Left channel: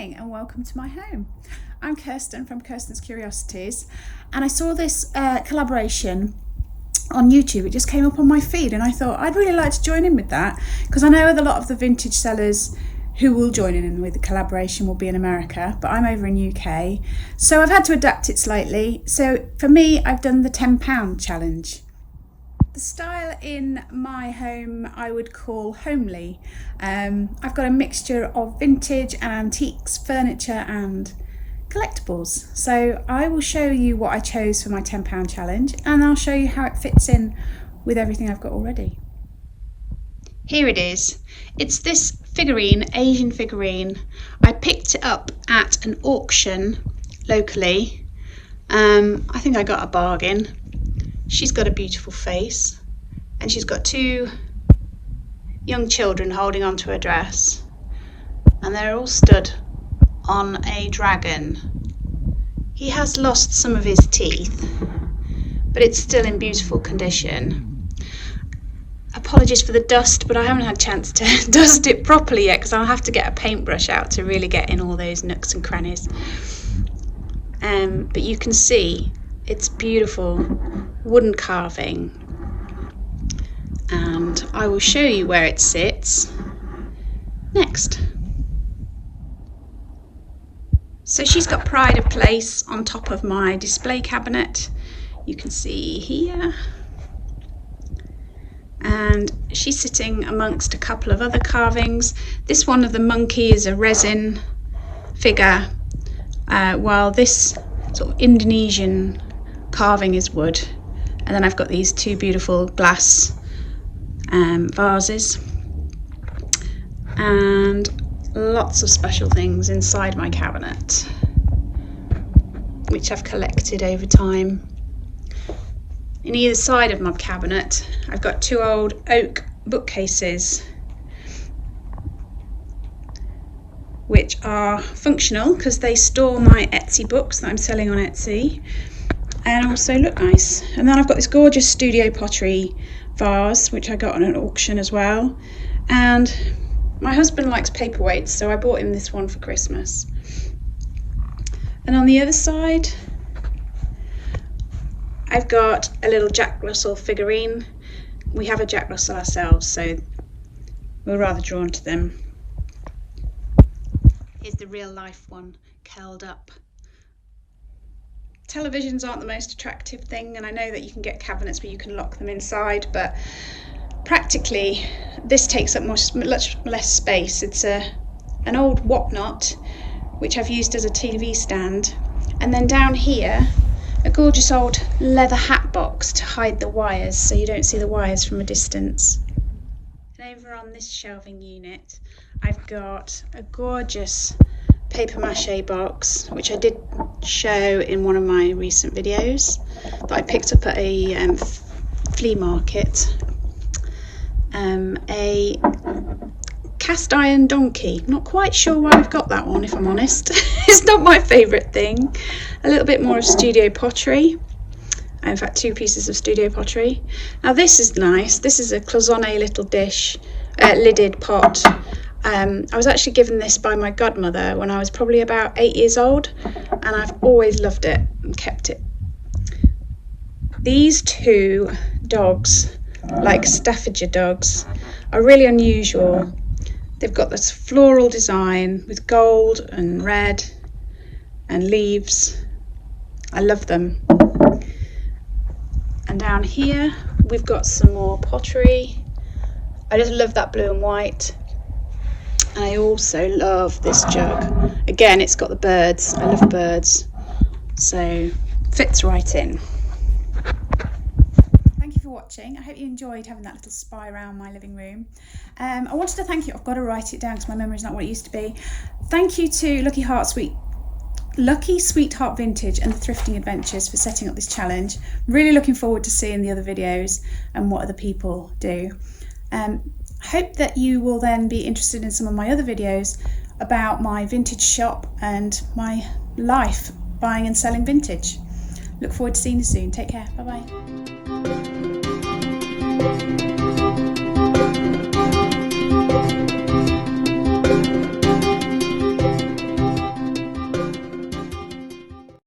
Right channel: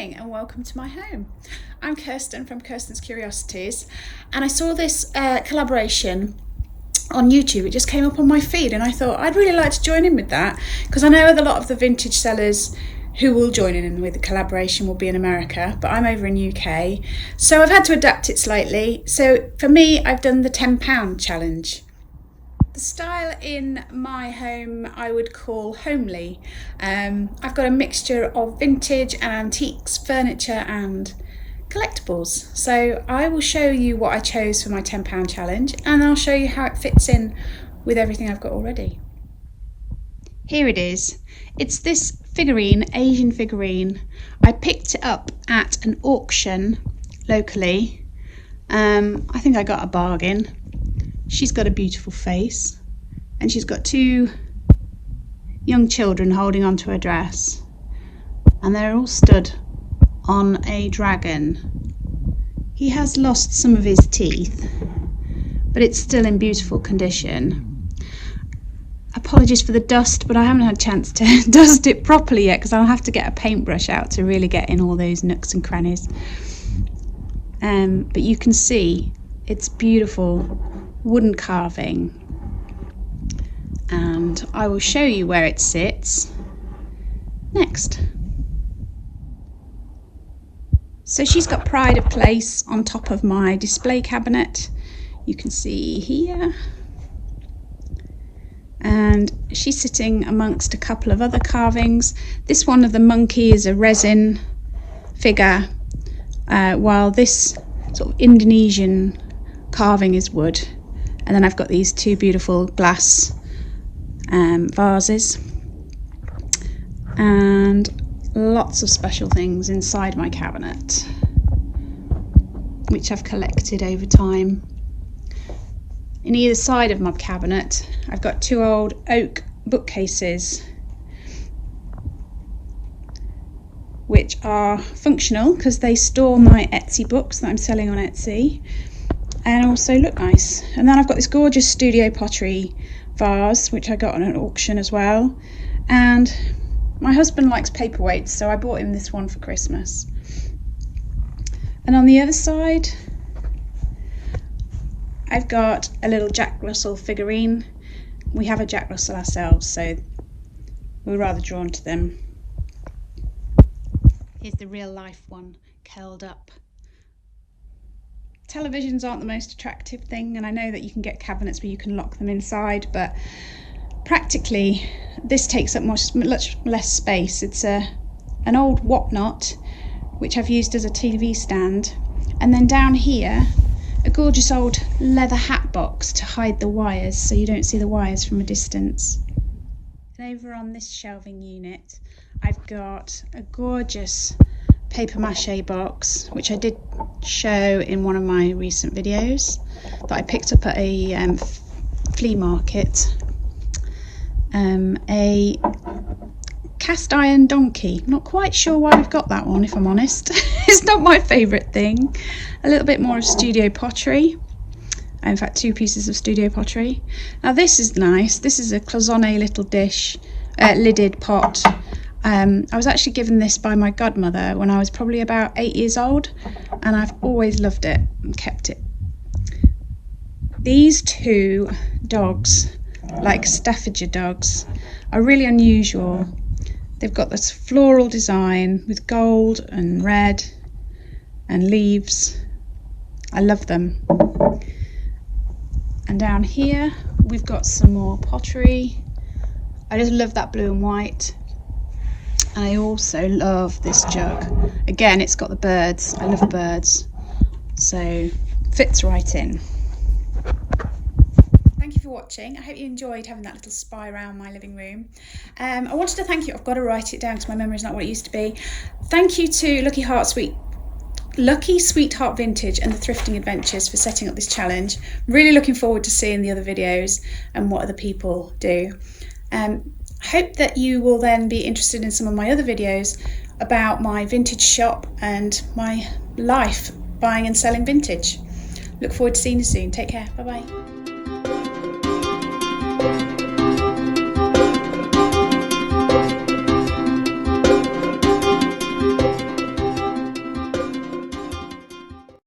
morning and welcome to my home. I'm Kirsten from Kirsten's Curiosities, and I saw this collaboration on YouTube. It just came up on my feed and I thought I'd really like to join in with that, because I know that a lot of the vintage sellers who will join in with the collaboration will be in America, but I'm over in UK, so I've had to adapt it slightly. So for me, I've done the £10 challenge. The style in my home I would call homely. I've got a mixture of vintage and antiques, furniture and collectibles. So I will show you what I chose for my £10 challenge, and I'll show you how it fits in with everything I've got already. Here it is. It's this figurine, Asian figurine. I picked it up at an auction locally. I think I got a bargain. She's got a beautiful face and she's got two young children holding onto her dress, and they're all stood on a dragon. He has lost some of his teeth, but it's still in beautiful condition. Apologies for the dust, but I haven't had a chance to dust it properly yet because I'll have to get a paintbrush out to really get in all those nooks and crannies. But you can see it's beautiful wooden carving, and I will show you where it sits next. So she's got pride of place on top of my display cabinet, you can see here, and she's sitting amongst a couple of other carvings. This one of the monkey is a resin figure, while this sort of Indonesian carving is wood. And then I've got these two beautiful glass vases and lots of special things inside my cabinet, which I've collected over time. In either side of my cabinet I've got two old oak bookcases, which are functional because they store my Etsy books that I'm selling on Etsy, and also look nice. And then I've got this gorgeous studio pottery vase which I got on an auction as well, and my husband likes paperweights, so I bought him this one for Christmas. And on the other side I've got a little Jack Russell figurine. We have a Jack Russell ourselves, so we're rather drawn to them. Here's the real life one curled up. Televisions aren't the most attractive thing, and I know that you can get cabinets where you can lock them inside, but practically this takes up much less space. It's an old whatnot which I've used as a TV stand, and then down here a gorgeous old leather hat box to hide the wires so you don't see the wires from a distance. And over on this shelving unit I've got a gorgeous paper mache box which I did show in one of my recent videos that I picked up at a flea market. A cast iron donkey. Not quite sure why I've got that one, if I'm honest. It's not my favourite thing. A little bit more of studio pottery. In fact, two pieces of studio pottery. Now this is nice. This is a cloisonne little dish, lidded pot. I was actually given this by my godmother when I was probably about 8 years old, and I've always loved it and kept it. These two dogs, like Staffordshire dogs, are really unusual. They've got this floral design with gold and red and leaves. I love them. And down here we've got some more pottery. I just love that blue and white. I also love this jug. Again, it's got the birds. I love birds, so fits right in. Thank you for watching. I hope you enjoyed having that little spy around my living room. I wanted to thank you. I've got to write it down because my memory's not what it used to be. Thank you to Lucky Sweetheart Vintage and the Thrifting Adventures for setting up this challenge. Really looking forward to seeing the other videos and what other people do. Hope that you will then be interested in some of my other videos about my vintage shop and my life buying and selling vintage. Look forward to seeing you soon. Take care. Bye bye.